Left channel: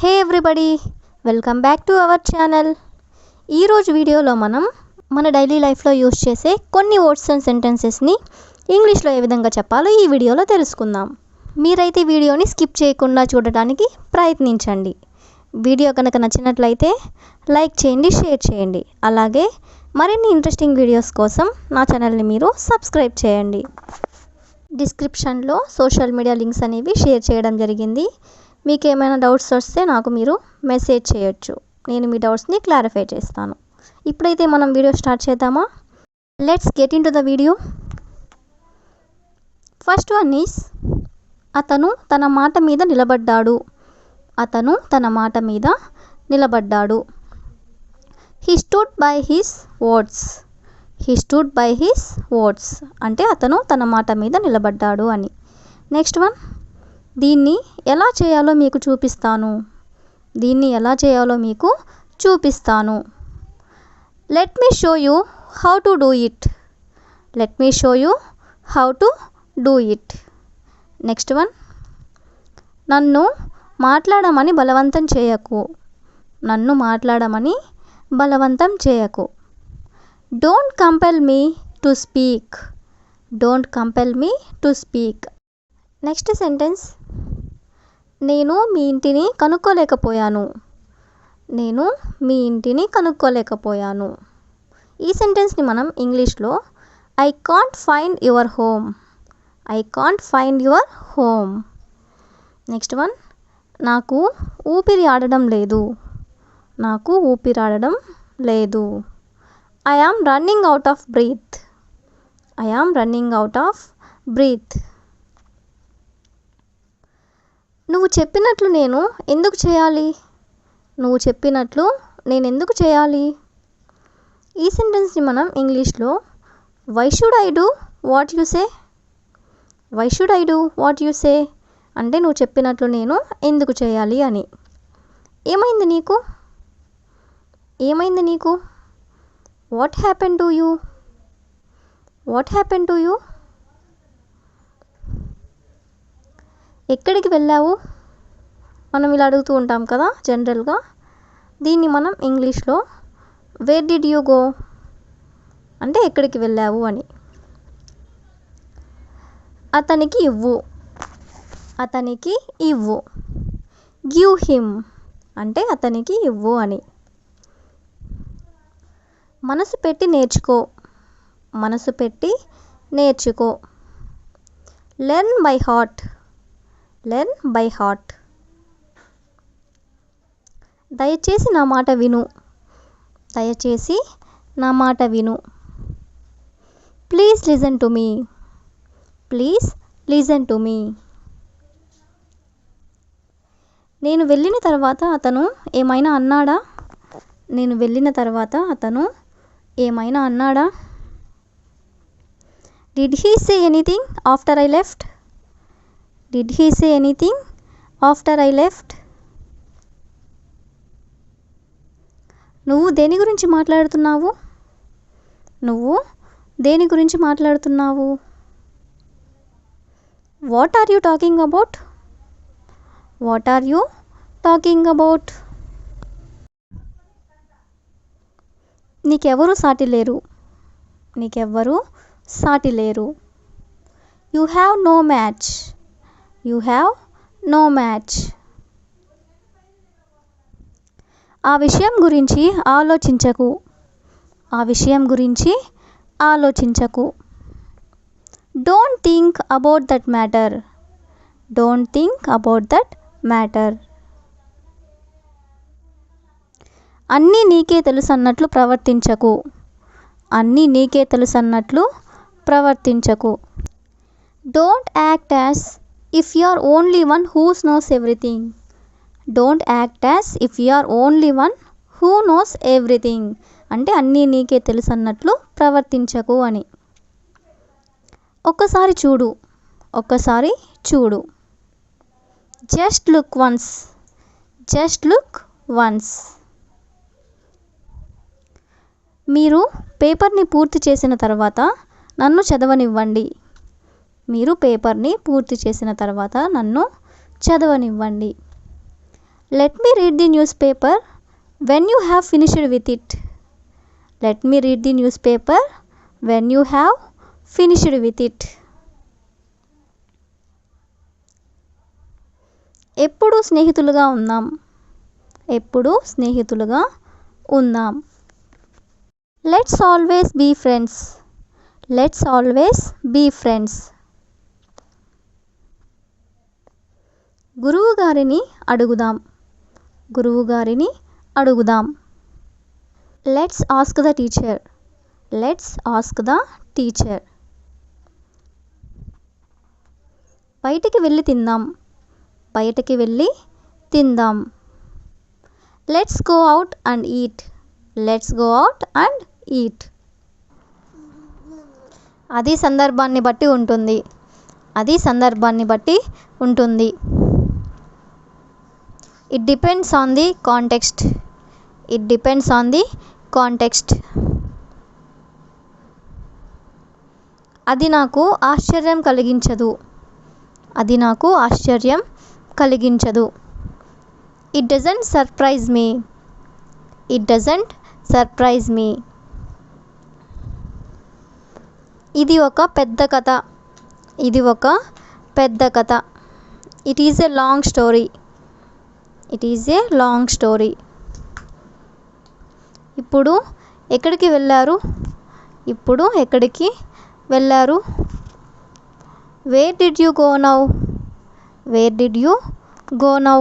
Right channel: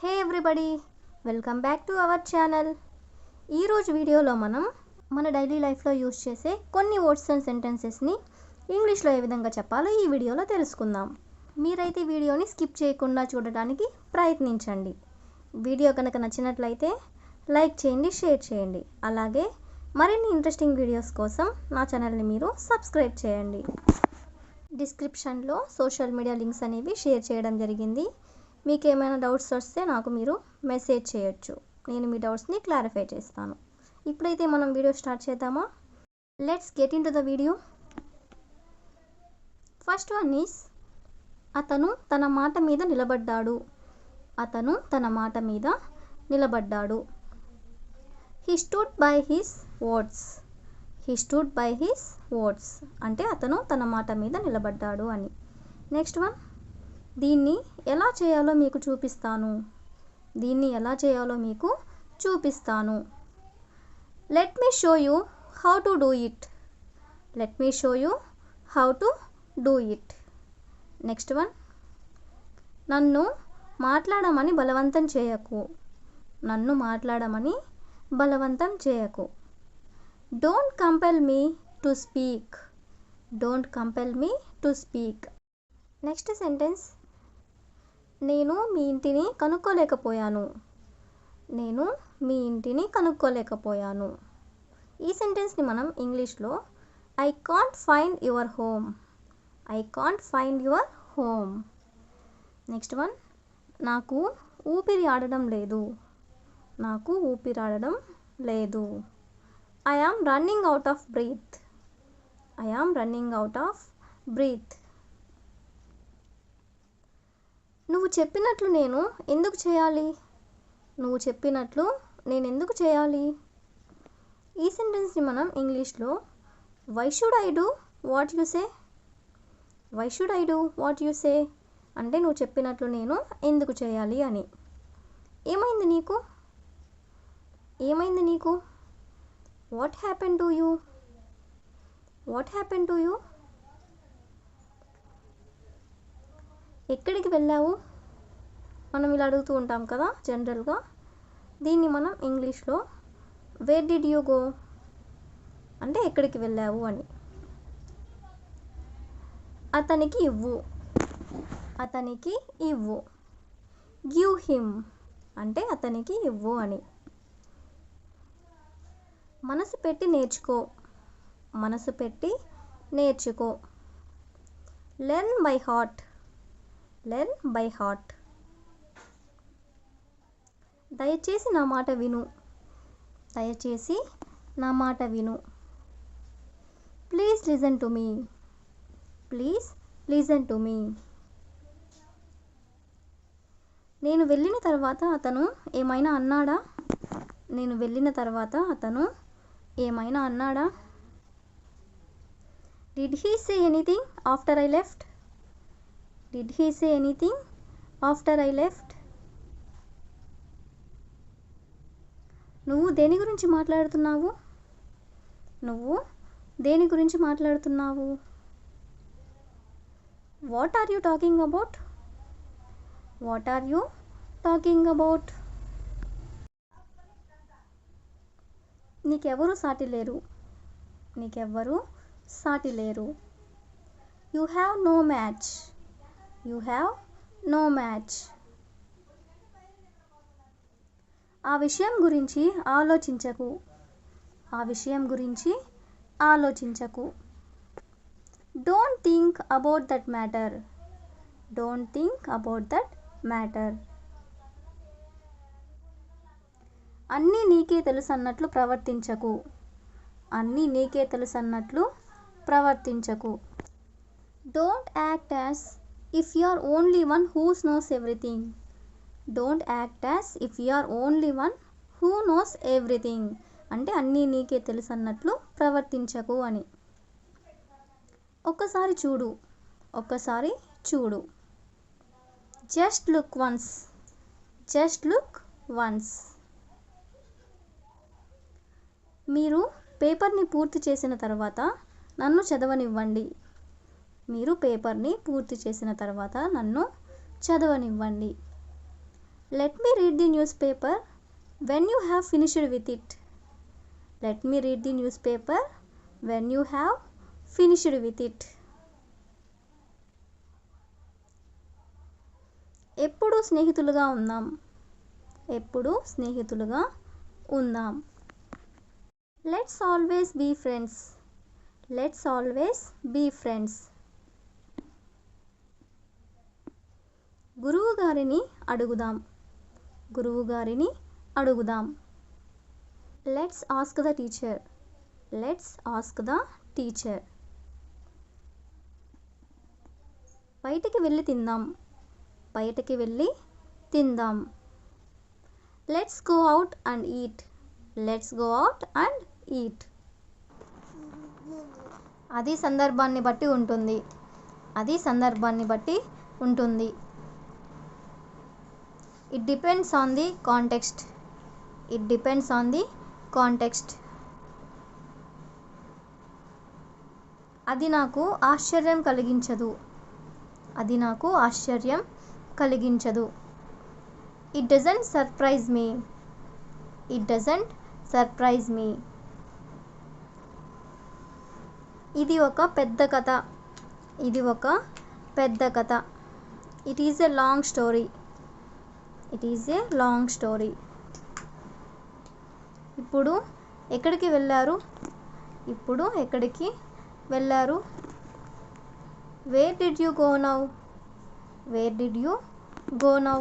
Hey everybody, welcome back to our channel. ఈరోజు వీడియోలో మనం మన డైలీ లైఫ్లో యూస్ చేసే కొన్ని వర్డ్స్ అండ్ సెంటెన్సెస్ని ఇంగ్లీష్లో ఏ విధంగా చెప్పాలో ఈ వీడియోలో తెలుసుకుందాం. మీరైతే వీడియోని స్కిప్ చేయకుండా చూడడానికి ప్రయత్నించండి. వీడియో కనుక నచ్చినట్లయితే లైక్ చేయండి, షేర్ చేయండి. అలాగే మరిన్ని ఇంట్రెస్టింగ్ వీడియోస్ కోసం నా ఛానల్ని మీరు సబ్స్క్రైబ్ చేయండి. డిస్క్రిప్షన్లో సోషల్ మీడియా లింక్స్ అనేవి షేర్ చేయడం జరిగింది. మీకు ఏమైనా డౌట్స్ వస్తే నాకు మీరు మెసేజ్ చేయొచ్చు. నేను మీ డౌట్స్ని క్లారిఫై చేస్తాను. ఇప్పుడైతే మనం వీడియో స్టార్ట్ చేద్దామా? Let's get in to the video. First one is అతను తన మాట మీద నిలబడ్డాడు. అతను తన మాట మీద నిలబడ్డాడు. He stood by his words. He stood by his words అంటే అతను తన మాట మీద నిలబడ్డాడు అని. నెక్స్ట్ వన్, దీన్ని ఎలా చేయాలో మీకు చూపిస్తాను. దీన్ని ఎలా చేయాలో మీకు చూపిస్తాను. Let me show you how to do it. Let me show you how to do it. Next one, నన్ను మాట్లాడమని బలవంతం చేయకు. నన్ను మాట్లాడమని బలవంతం చేయకు. Don't compel me to speak. Don't compel me to speak. Next sentence, నేను మీ ఇంటిని కనుక్కోలేకపోయాను. నేను మీ ఇంటిని కనుక్కోలేకపోయాను. ఈ సెంటెన్స్ని మనం ఇంగ్లీష్లో I can't find your home. I can't find your home. Next one, నాకు ఊపిరి ఆడడం లేదు. నాకు ఊపిరి ఆడడం లేదు. I am running out of breath. I am running out of breath. నువ్వు చెప్పినట్లు నేను ఎందుకు చేయాలి. నువ్వు చెప్పినట్లు నేను ఎందుకు చేయాలి. ఈ సెంటెన్స్ని మనం ఇంగ్లీష్లో why should I do what you say. Why should I do what you say అంటే నువ్వు చెప్పినట్లు నేను ఎందుకు చేయాలి అని. ఏమైంది నీకు. ఏమైంది నీకు. What happen to you. What happen to you. ఎక్కడికి వెళ్ళావు. మనం ఇలా అడుగుతూ ఉంటాం కదా జనరల్గా. దీన్ని మనం ఇంగ్లీష్లో వేర్ డిడ్ యూ గో అంటే ఎక్కడికి వెళ్ళావు అని. అతనికి ఇవ్వు. అతనికి ఇవ్వు. గివ్ హిమ్ అంటే అతనికి ఇవ్వు అని. మనసు పెట్టి నేర్చుకో. మనసు పెట్టి నేర్చుకో. Learn by heart. Learn by heart. దయచేసి నా మాట విను. దయచేసి నా మాట విను. Please listen to me. Please listen to me. నేను వెళ్ళిన తర్వాత అతను ఏమైనా అన్నాడా. నేను వెళ్ళిన తర్వాత అతను ఏమైనా అన్నాడా. Did he say anything after I left. Did he say anything after I left. నువ్వు దేని గురించి మాట్లాడుతున్నావు. నువ్వు దేని గురించి మాట్లాడుతున్నావు. What are you talking about. What are you talking about. నీకెవరు సాటి లేరు. నీకెవ్వరు సాటి లేరు. You have no match. You have no match. ఆ విషయం గురించి ఆలోచించకు. ఆ విషయం గురించి ఆలోచించకు. Don't think about that matter. Don't think about that matter. అన్నీ నీకే తెలుసు అన్నట్లు ప్రవర్తించకు. అన్నీ నీకే తెలుసు అన్నట్లు ప్రవర్తించకు. Don't act as if you are only one who knows everything. Don't act as if you are only one who knows everything అంటే అన్నీ నీకే తెలుసు అన్నట్లు ప్రవర్తించకు అని. ఒక్కసారి చూడు. ఒక్కసారి చూడు. Just look once. Just look once. మీరు పేపర్ని పూర్తి చేసిన తర్వాత నన్ను చదవనివ్వండి. మీరు పేపర్ని పూర్తి చేసిన తర్వాత నన్ను చదవనివ్వండి. Let me read the newspaper when you have finished with it. Let me read the newspaper when you have finished with it. ఎప్పుడు స్నేహితులుగా ఉందాం. ఎప్పుడు స్నేహితులుగా ఉందాం. Let's always be friends. Let's always be friends. గురువు గారిని అడుగుదాం. గురువు గారిని అడుగుదాం. Let's ask the teacher. Let's ask the teacher. బయటికి వెళ్ళి తిందాం. బయటికి వెళ్ళి తిందాం. Let's go out and eat. Let's go out and eat. అది సందర్భాన్ని బట్టి ఉంటుంది. అది సందర్భాన్ని బట్టి ఉంటుంది. It depends on the context. It depends on the context. అది నాకు ఆశ్చర్యం కలిగించదు. అది నాకు ఆశ్చర్యం కలిగించదు. It doesn't surprise me. It doesn't surprise me. ఇది ఒక పెద్ద కథ. ఇది ఒక పెద్ద కథ. It is a long story. It is a long story. ఇప్పుడు ఎక్కడికి వెళ్ళారు. ఇప్పుడు ఎక్కడికి వెళ్ళారు. Where did you go now. Where did you go now.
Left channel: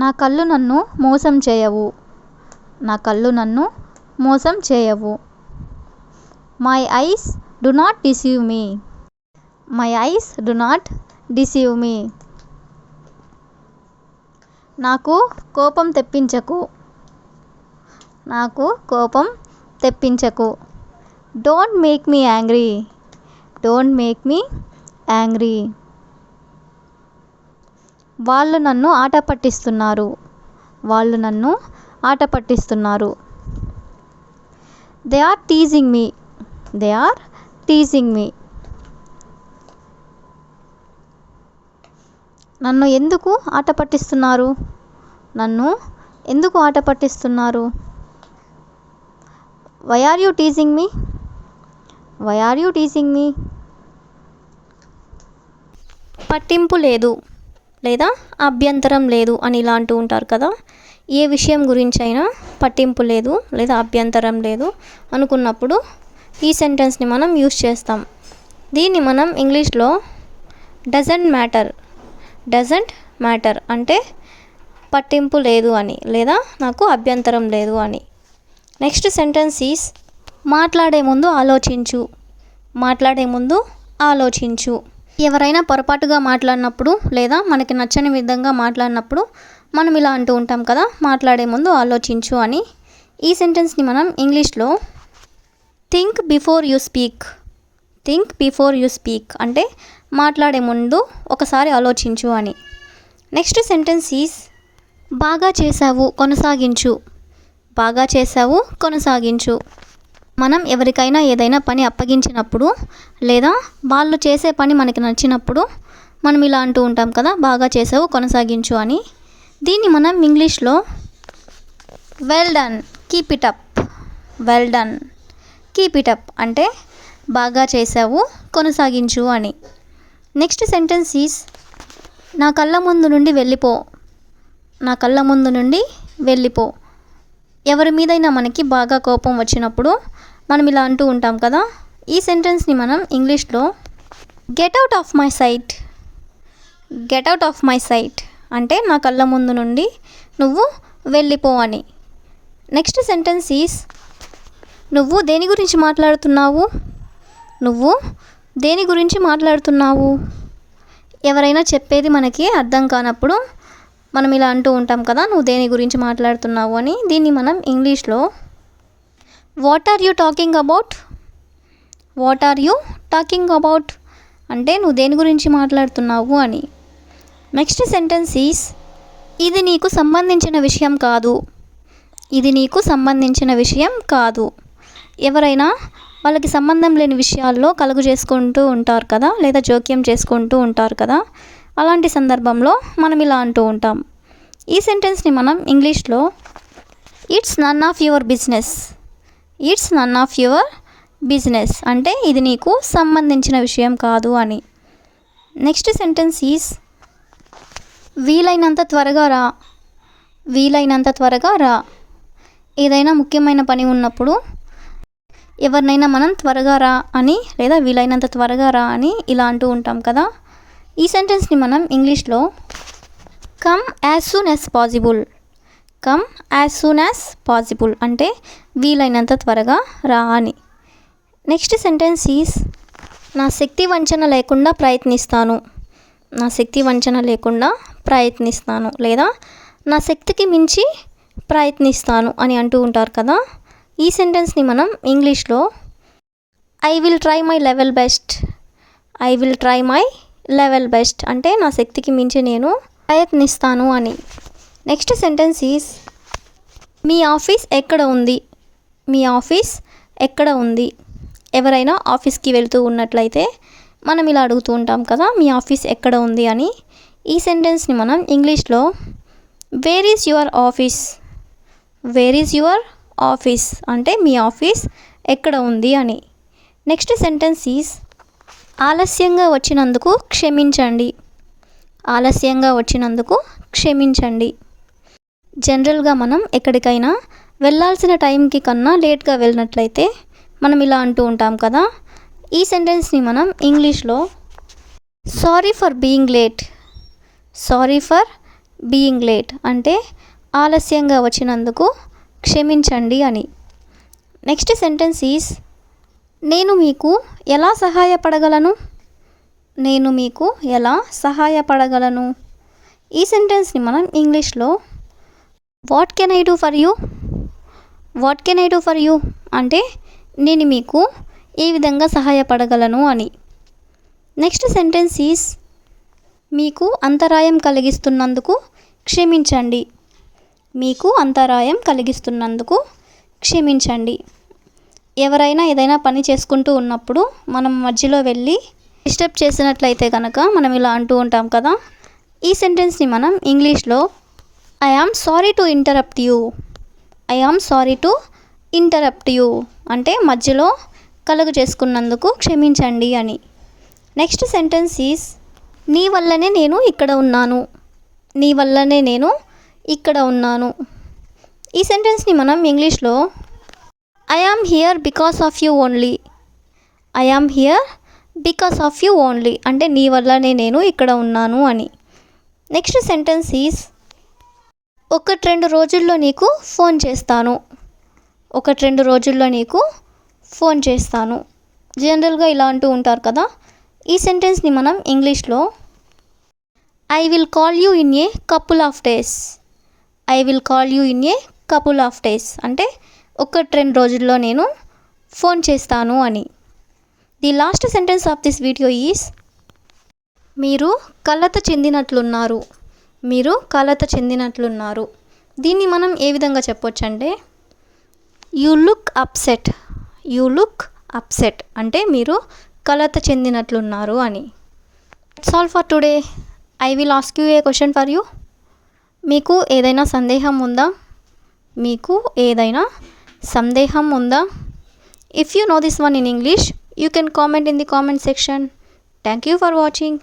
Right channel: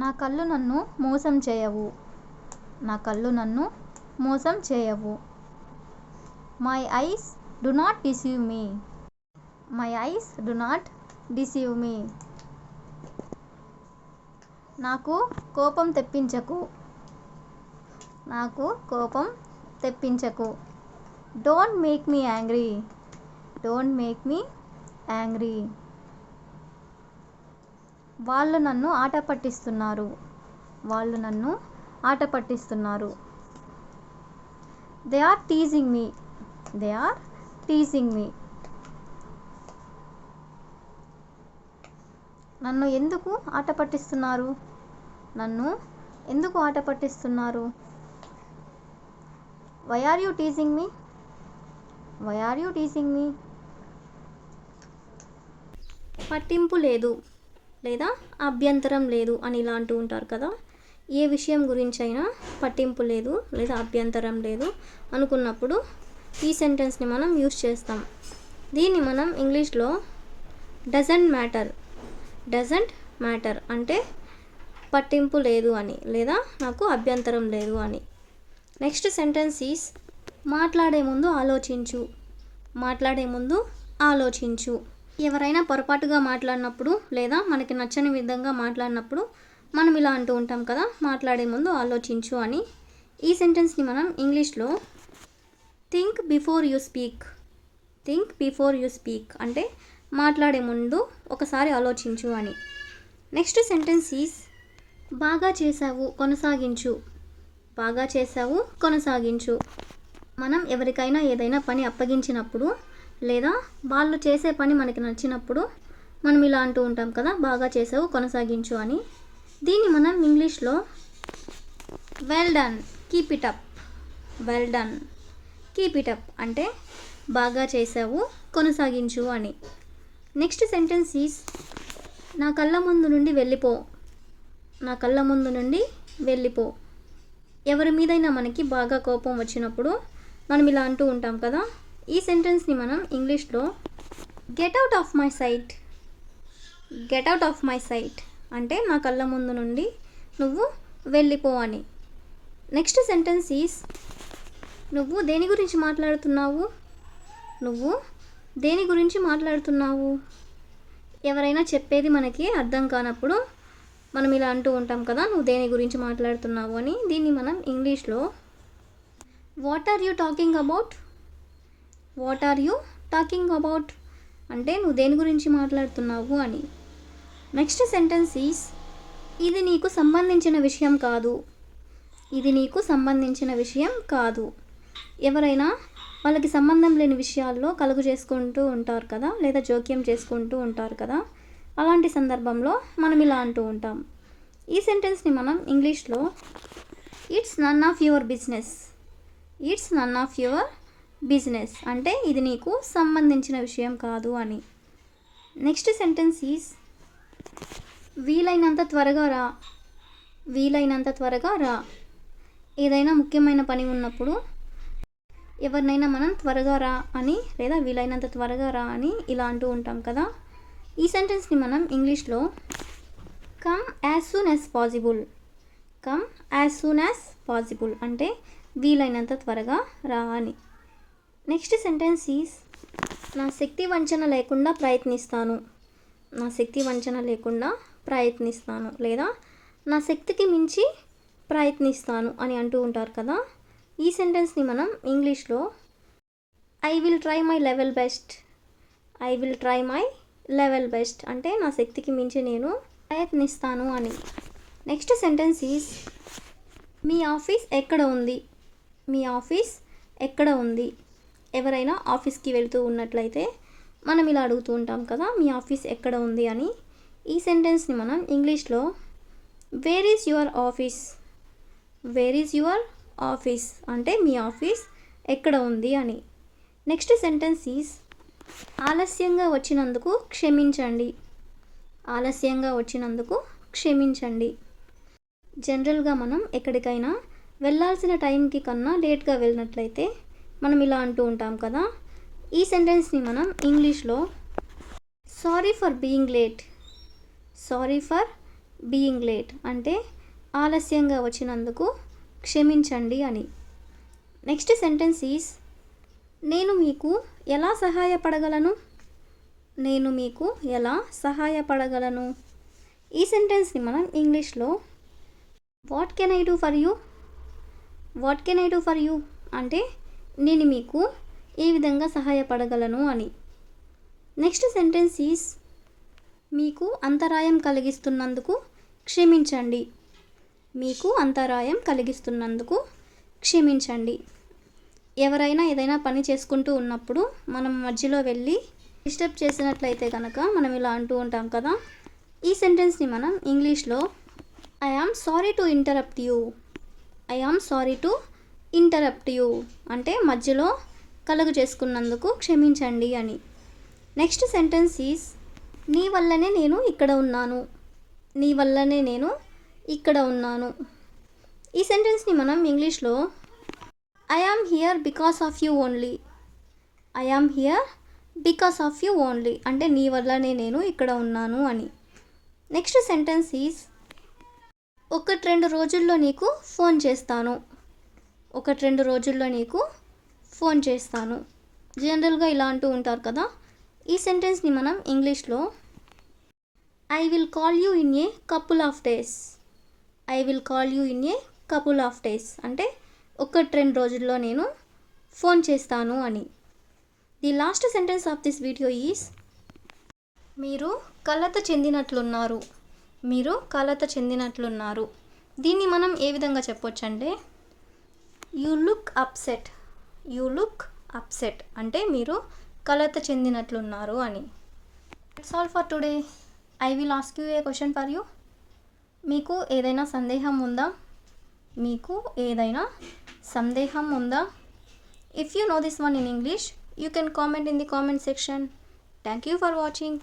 నా కళ్ళు నన్ను మోసం చేయవు. నా కళ్ళు నన్ను మోసం చేయవు. My eyes do not deceive me. My eyes do not deceive me. నాకు కోపం తెప్పించకు. నాకు కోపం తెప్పించకు. Don't make me angry. Don't make me angry. వాళ్ళు నన్ను ఆట పట్టిస్తున్నారు. వాళ్ళు నన్ను ఆట పట్టిస్తున్నారు. They are teasing me. They are teasing me. నన్ను ఎందుకు ఆట పట్టిస్తున్నారు. నన్ను ఎందుకు ఆట పట్టిస్తున్నారు. Why are you teasing me. Why are you teasing me. పట్టింపు లేదు లేదా అభ్యంతరం లేదు అని ఇలా అంటూ ఉంటారు కదా. ఏ విషయం గురించి అయినా పట్టింపు లేదు లేదా అభ్యంతరం లేదు అనుకున్నప్పుడు ఈ సెంటెన్స్ని మనం యూస్ చేస్తాం. దీన్ని మనం ఇంగ్లీష్లో డజంట్ మ్యాటర్. డజంట్ మ్యాటర్ అంటే పట్టింపు లేదు అని లేదా నాకు అభ్యంతరం లేదు అని. నెక్స్ట్ సెంటెన్స్ ఈస్ మాట్లాడే ముందు ఆలోచించు. మాట్లాడే ముందు ఆలోచించు. ఎవరైనా పొరపాటుగా మాట్లాడినప్పుడు లేదా మనకి నచ్చని విధంగా మాట్లాడినప్పుడు మనం ఇలా అంటూ ఉంటాం కదా, మాట్లాడే ముందు ఆలోచించు అని. ఈ సెంటెన్స్ని మనం ఇంగ్లీష్లో think before you speak. Think before you speak అంటే మాట్లాడే ముందు ఒకసారి ఆలోచించు అని. నెక్స్ట్ సెంటెన్స్ ఈస్ బాగా చేసావు కొనసాగించు. బాగా చేసావు కొనసాగించు. మనం ఎవరికైనా ఏదైనా పని అప్పగించినప్పుడు లేదా వాళ్ళు చేసే పని మనకి నచ్చినప్పుడు మనం ఇలా అంటూ ఉంటాం కదా, బాగా చేసావు కొనసాగించు అని. దీన్ని మనం ఇంగ్లీష్లో well done keep it up. Well done keep it up అంటే బాగా చేసావు కొనసాగించు అని. నెక్స్ట్ సెంటెన్స్ ఈస్ నా కళ్ళ ముందు నుండి వెళ్ళిపో. నా కళ్ళ ముందు నుండి వెళ్ళిపో. ఎవరి మీదైనా మనకి బాగా కోపం వచ్చినప్పుడు మనం ఇలా అంటూ ఉంటాం కదా. ఈ సెంటెన్స్ని మనం ఇంగ్లీష్లో get out of my sight. Get out of my sight అంటే నా కళ్ళ ముందు నుండి నువ్వు వెళ్ళిపో అని. నెక్స్ట్ సెంటెన్స్ ఈస్ నువ్వు దేని గురించి మాట్లాడుతున్నావు. నువ్వు దేని గురించి మాట్లాడుతున్నావు. ఎవరైనా చెప్పేది మనకి అర్థం కానప్పుడు మనం ఇలా అంటూ ఉంటాం కదా, నువ్వు దేని గురించి మాట్లాడుతున్నావు అని. దీన్ని మనం ఇంగ్లీష్లో what are you talking about. What are you talking about అంటే నువ్వు దేని గురించి మాట్లాడుతున్నావు అని. నెక్స్ట్ సెంటెన్స్ ఈస్ ఇది నీకు సంబంధించిన విషయం కాదు. ఇది నీకు సంబంధించిన విషయం కాదు. ఎవరైనా వాళ్ళకి సంబంధం లేని విషయాల్లో కలుగు చేసుకుంటూ ఉంటారు కదా, లేదా జోక్యం చేసుకుంటూ ఉంటారు కదా. అలాంటి సందర్భంలో మనం ఇలా అంటూ ఉంటాం. ఈ సెంటెన్స్ని మనం ఇంగ్లీష్లో it's none of your business. It's none of your business అంటే ఇది నీకు సంబంధించిన విషయం కాదు అని. నెక్స్ట్ సెంటెన్స్ ఈజ్ వీలైనంత త్వరగా రా. వీలైనంత త్వరగా రా. ఏదైనా ముఖ్యమైన పని ఉన్నప్పుడు ఎవరినైనా మనం త్వరగా రా అని లేదా వీలైనంత త్వరగా రా అని ఇలా అంటూ ఉంటాం కదా. ఈ సెంటెన్స్ని మనం ఇంగ్లీష్లో come as soon as possible. Come as soon as possible అంటే వీలైనంత త్వరగా రా అని. నెక్స్ట్ సెంటెన్స్ ఈజ్ నా శక్తి వంచన లేకుండా ప్రయత్నిస్తాను. నా శక్తి వంచన లేకుండా ప్రయత్నిస్తాను లేదా నా శక్తికి మించి ప్రయత్నిస్తాను అని అంటూ ఉంటారు కదా. ఈ సెంటెన్స్ని మనం ఇంగ్లీష్లో I will try my level best. I will try my level best అంటే నా శక్తికి మించి నేను ప్రయత్నిస్తాను అని. Next sentence is me office ఎక్కడ ఉంది. మీ ఆఫీస్ ఎక్కడ ఉంది. ఎవరైనా ఆఫీస్కి వెళ్తూ ఉన్నట్లయితే మనం ఇలా అడుగుతూ ఉంటాం కదా, మీ ఆఫీస్ ఎక్కడ ఉంది అని. ఈ సెంటెన్స్ని మనం ఇంగ్లీష్లో where is your office. Where is your office అంటే మీ ఆఫీస్ ఎక్కడ ఉంది అని. నెక్స్ట్ సెంటెన్స్ ఈజ్ ఆలస్యంగా వచ్చినందుకు క్షమించండి. ఆలస్యంగా వచ్చినందుకు క్షమించండి. జనరల్గా మనం ఎక్కడికైనా వెళ్ళాల్సిన టైంకి కన్నా లేట్గా వెళ్ళినట్లయితే మనం ఇలా అంటూ ఉంటాం కదా. ఈ సెంటెన్స్ని మనం ఇంగ్లీష్లో sorry for being late. Sorry for being late అంటే ఆలస్యంగా వచ్చినందుకు క్షమించండి అని. నెక్స్ట్ సెంటెన్స్ ఈజ్ నేను మీకు ఎలా సహాయపడగలను. నేను మీకు ఎలా సహాయపడగలను. ఈ సెంటెన్స్ని మనం ఇంగ్లీష్లో what can I do for you. What can I do for you అంటే నేను మీకు ఏ విధంగా సహాయపడగలను అని. నెక్స్ట్ సెంటెన్స్ ఈజ్ మీకు అంతరాయం కలిగిస్తున్నందుకు క్షమించండి. మీకు అంతరాయం కలిగిస్తున్నందుకు క్షమించండి. ఎవరైనా ఏదైనా పని చేసుకుంటూ ఉన్నప్పుడు మనం మధ్యలో వెళ్ళి డిస్టర్బ్ చేసినట్లయితే కనుక మనం ఇలా అంటూ ఉంటాం కదా. ఈ సెంటెన్స్ని మనం ఇంగ్లీష్లో I am sorry to interrupt you. I am sorry to interrupt you అంటే మధ్యలో కలుగు చేసుకున్నందుకు క్షమించండి అని. నెక్స్ట్ సెంటెన్స్ ఈజ్ నీ వల్లనే నేను ఇక్కడ ఉన్నాను. నీ వల్లనే నేను ఇక్కడ ఉన్నాను. ఈ సెంటెన్స్ని మనం ఇంగ్లీష్లో I am here because of you only. I am here because of you only అంటే నీ వల్లనే నేను ఇక్కడ ఉన్నాను అని. నెక్స్ట్ సెంటెన్స్ ఈజ్ 1-2 రోజుల్లో నీకు ఫోన్ చేస్తాను. 1-2 రోజుల్లో నీకు ఫోన్ చేస్తాను. జనరల్గా ఇలా అంటూ ఉంటారు కదా. ఈ సెంటెన్స్ని మనం ఇంగ్లీష్లో I will call you in a couple of days. I will call you in a couple of days అంటే 1-2 రోజుల్లో నేను ఫోన్ చేస్తాను అని. The last sentence of this video is మీరు కలత చెందినట్లున్నారు. మీరు కలత చెందినట్లున్నారు. దీన్ని మనం ఏ విధంగా చెప్పొచ్చు అంటే you look upset. You look upset అంటే మీరు కలత చెందినట్లున్నారు అని. It's all for today. I will ask you A question for you. మీకు ఏదైనా సందేహం ఉందా? మీకు ఏదైనా సందేహం ఉందా? If you know this one in English, you can comment in the comment section. Thank you for watching.